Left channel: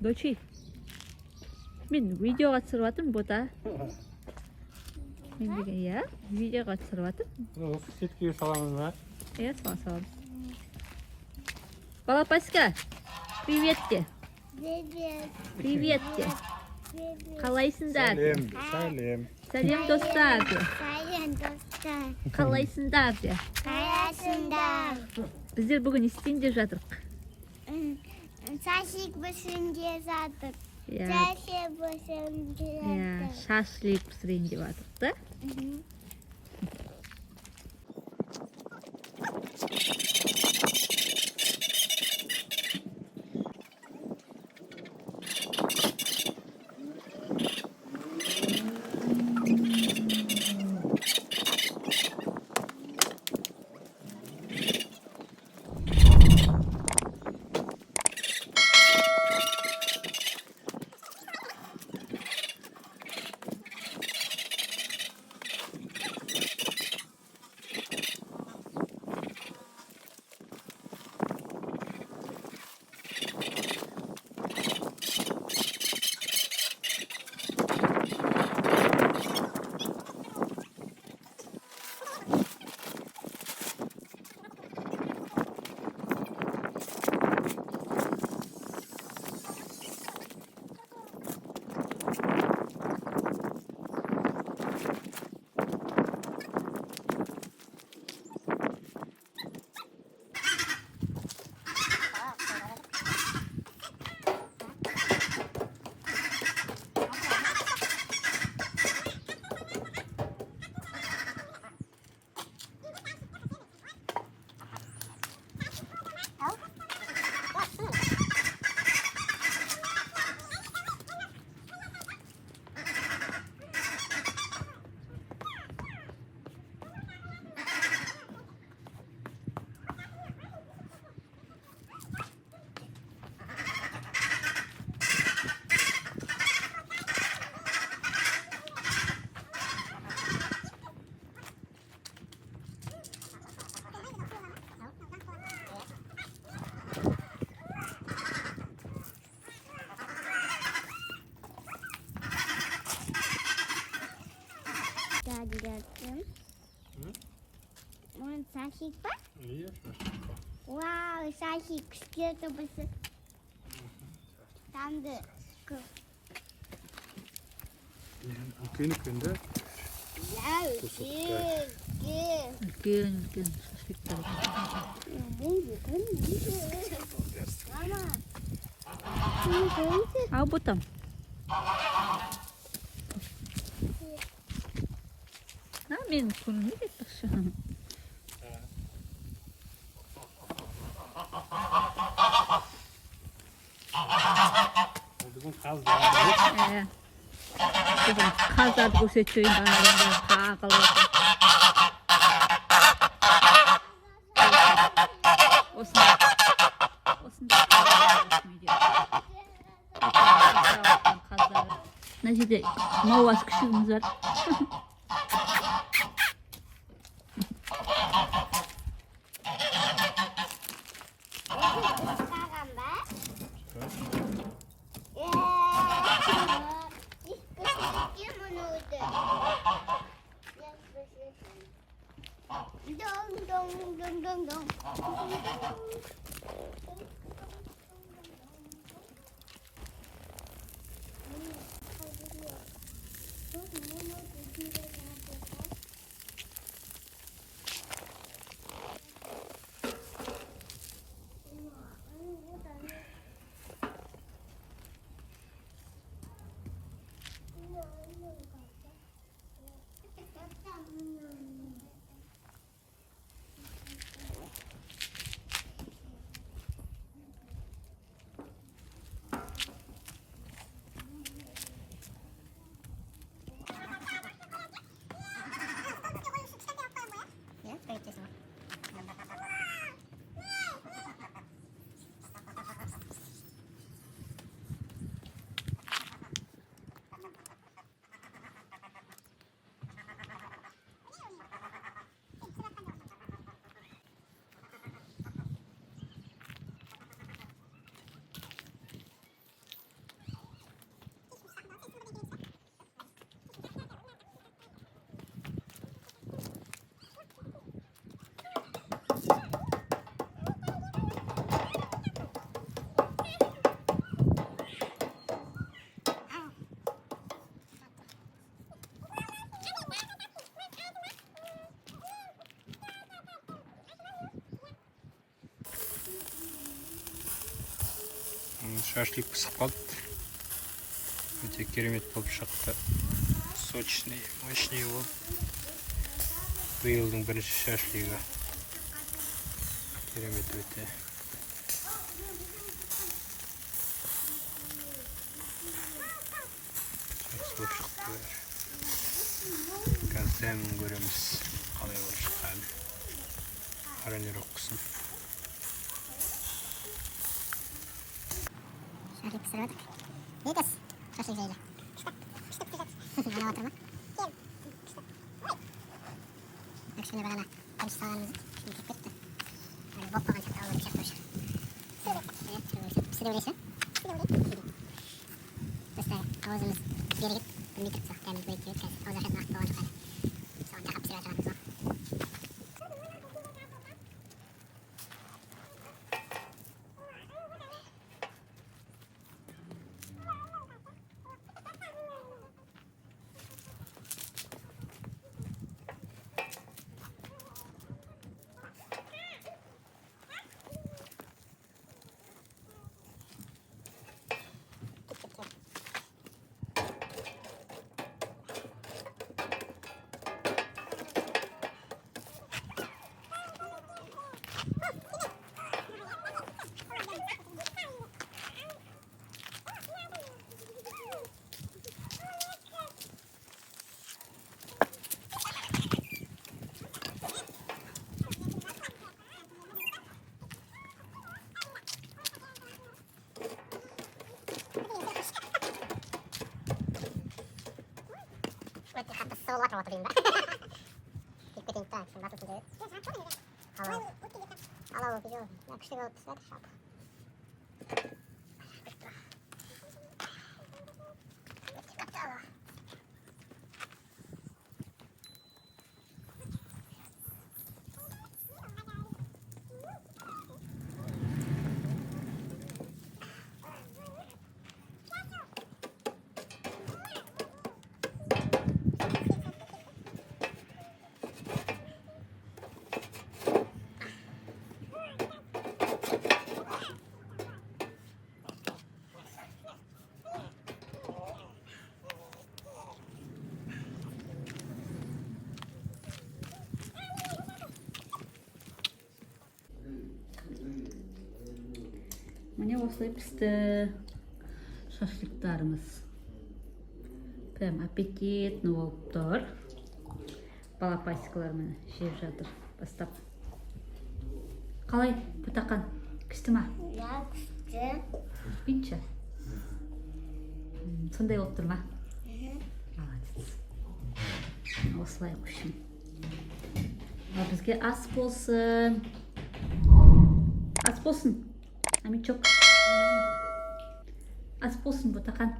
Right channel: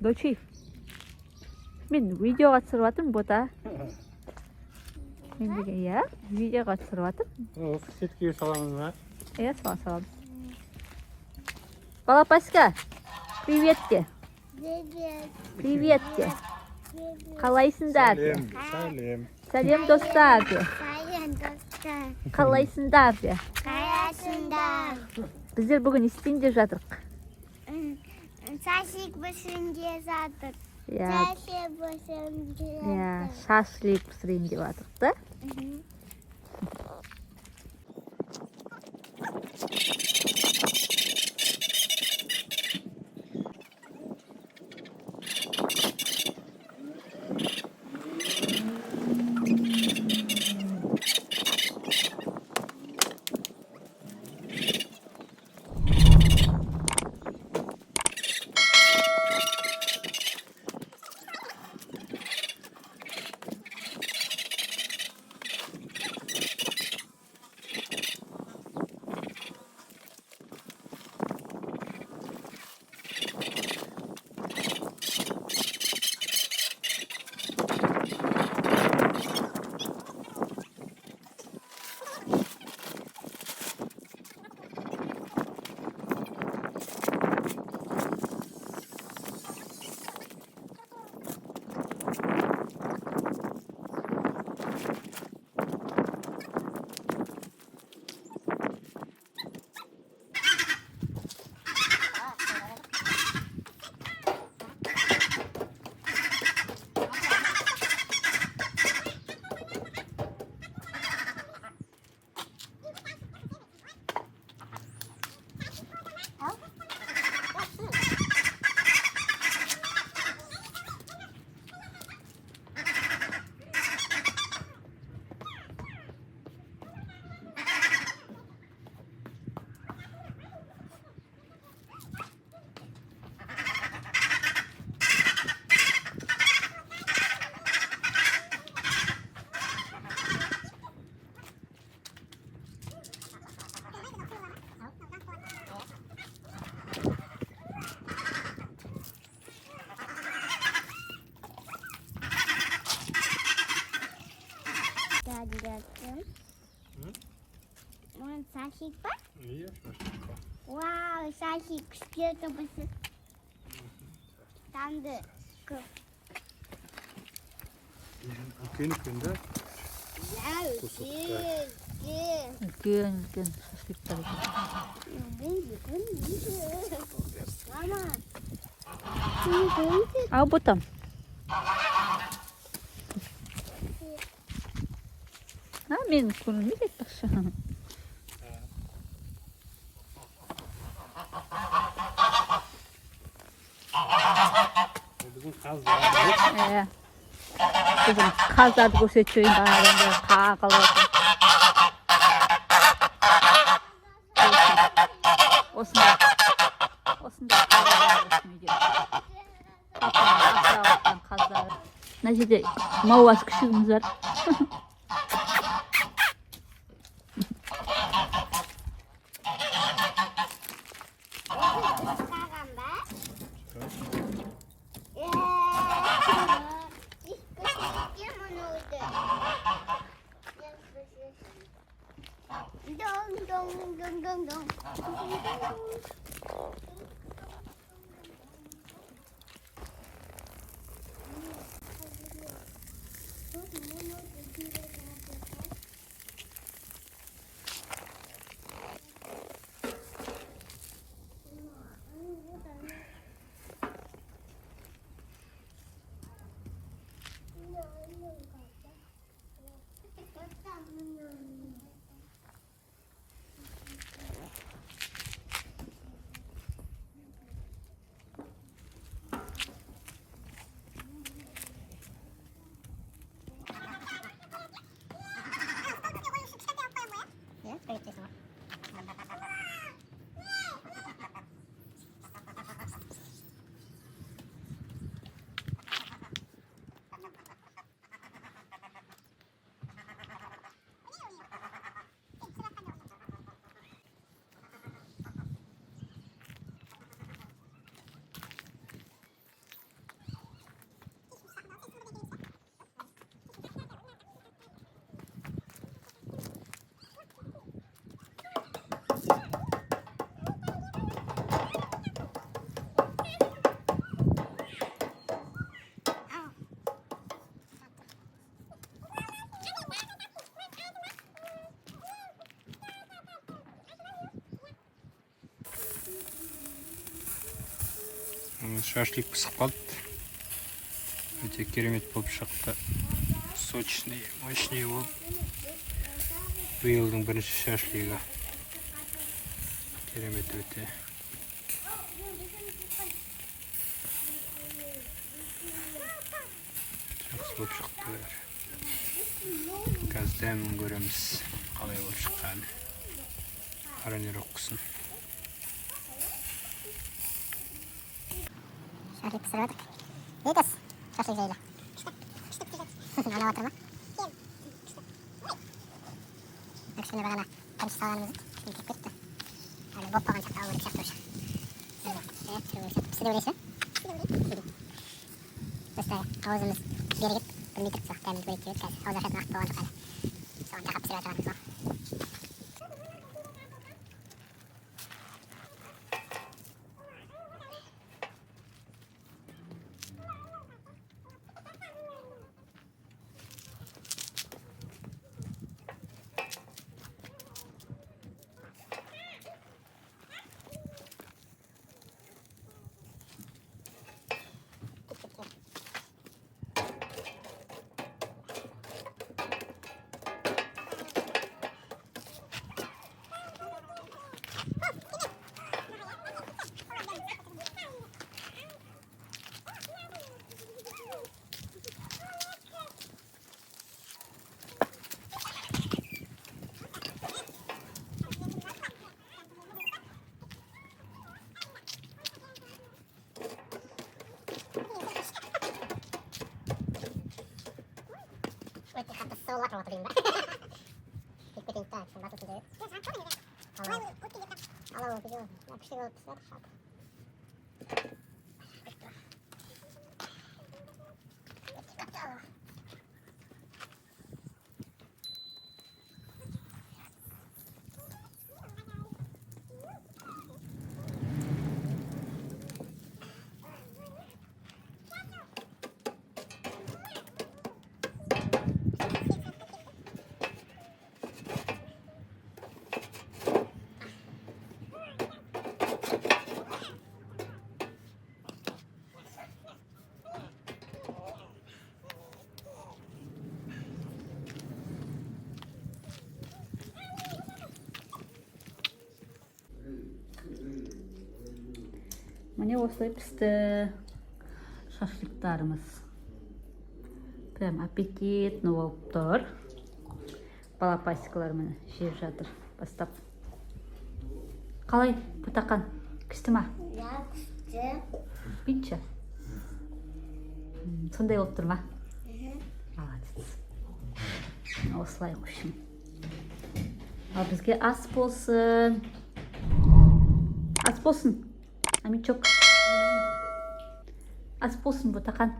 너지? 민 видеоға түсіріп жатырмын бота. Мен деген иә, видеоға түсіріп жатырмын. Сетке саламыз ба? Иә, салам. Балапаська, привет де. Привет де. Қалайсыңдар де. Сәлем. Сәлем достар де. Сәлем достар. Қалайсыңдар де. Қалайсыңдар. Біздер бүгін не істейін деп жатырмық. Шашлик пісірейін деп жатыр. Иә, Шашлик пісірейін деп иә, шашлик пісірейін деп жатырмық та. Шашлик па? Иә, шашлик бар. Вау, шашлик сколько пісір. Там да көп. Үлкен да. Үлкен шашликтар. Мама. Ал ботам. Мен күнім не бақшы. Бүгін қаздар. Бүгін қаздарды көрсетшейін бағадан қағылы. Осында қаздар. Мына жерде мауаз күшігіміз бар. Dong. Шашлик пісіп қалды. Өте керемет болып шықты. Сочный, мощный болып. Биылдың бірінші шашлигі. Керемет өте. Жақсы болып шықты бәрі. Қазір дәмін көреміз. Қалай болып шыққаны. Аранер оқысын. Шашлик пісіріп отыр. Бейтіз, шашлик жайлы. Ана отыр ма? Кішкене бағана қамшы салғанымыз кішкене кеп кетті. Әлі боп қалған шақты алмады шақты өші. Пісі де өлесі? Біз ауызымыз бері кеп, білмей тұрып соқ, дәміміз бөлек кебет қазір. Ауыз ашатын ақты болған жоқ әлі. Соған тақап пісіріп жатырғанымыз ба. Өте қатты сұғылып жатыр отыр деймін ба? Кеп кетейін та, кішкене басылсын деп. Алау өте жоқ. Күшті болып түсіп жатыр жалпы. Міне осылай пісті шашлықтарымыз. Прям аппетитный болып тұр. Балапасикалар міне жеп жатыр бастап. Қалай Ботақан? Күшті ма? Я күшті. Бүйтші. Сондай болып тұр ма? Молодец. Осылай қойшым. Ал бізге ас болсын. Ас болсын. Амичок. Ас болсын Ботақан.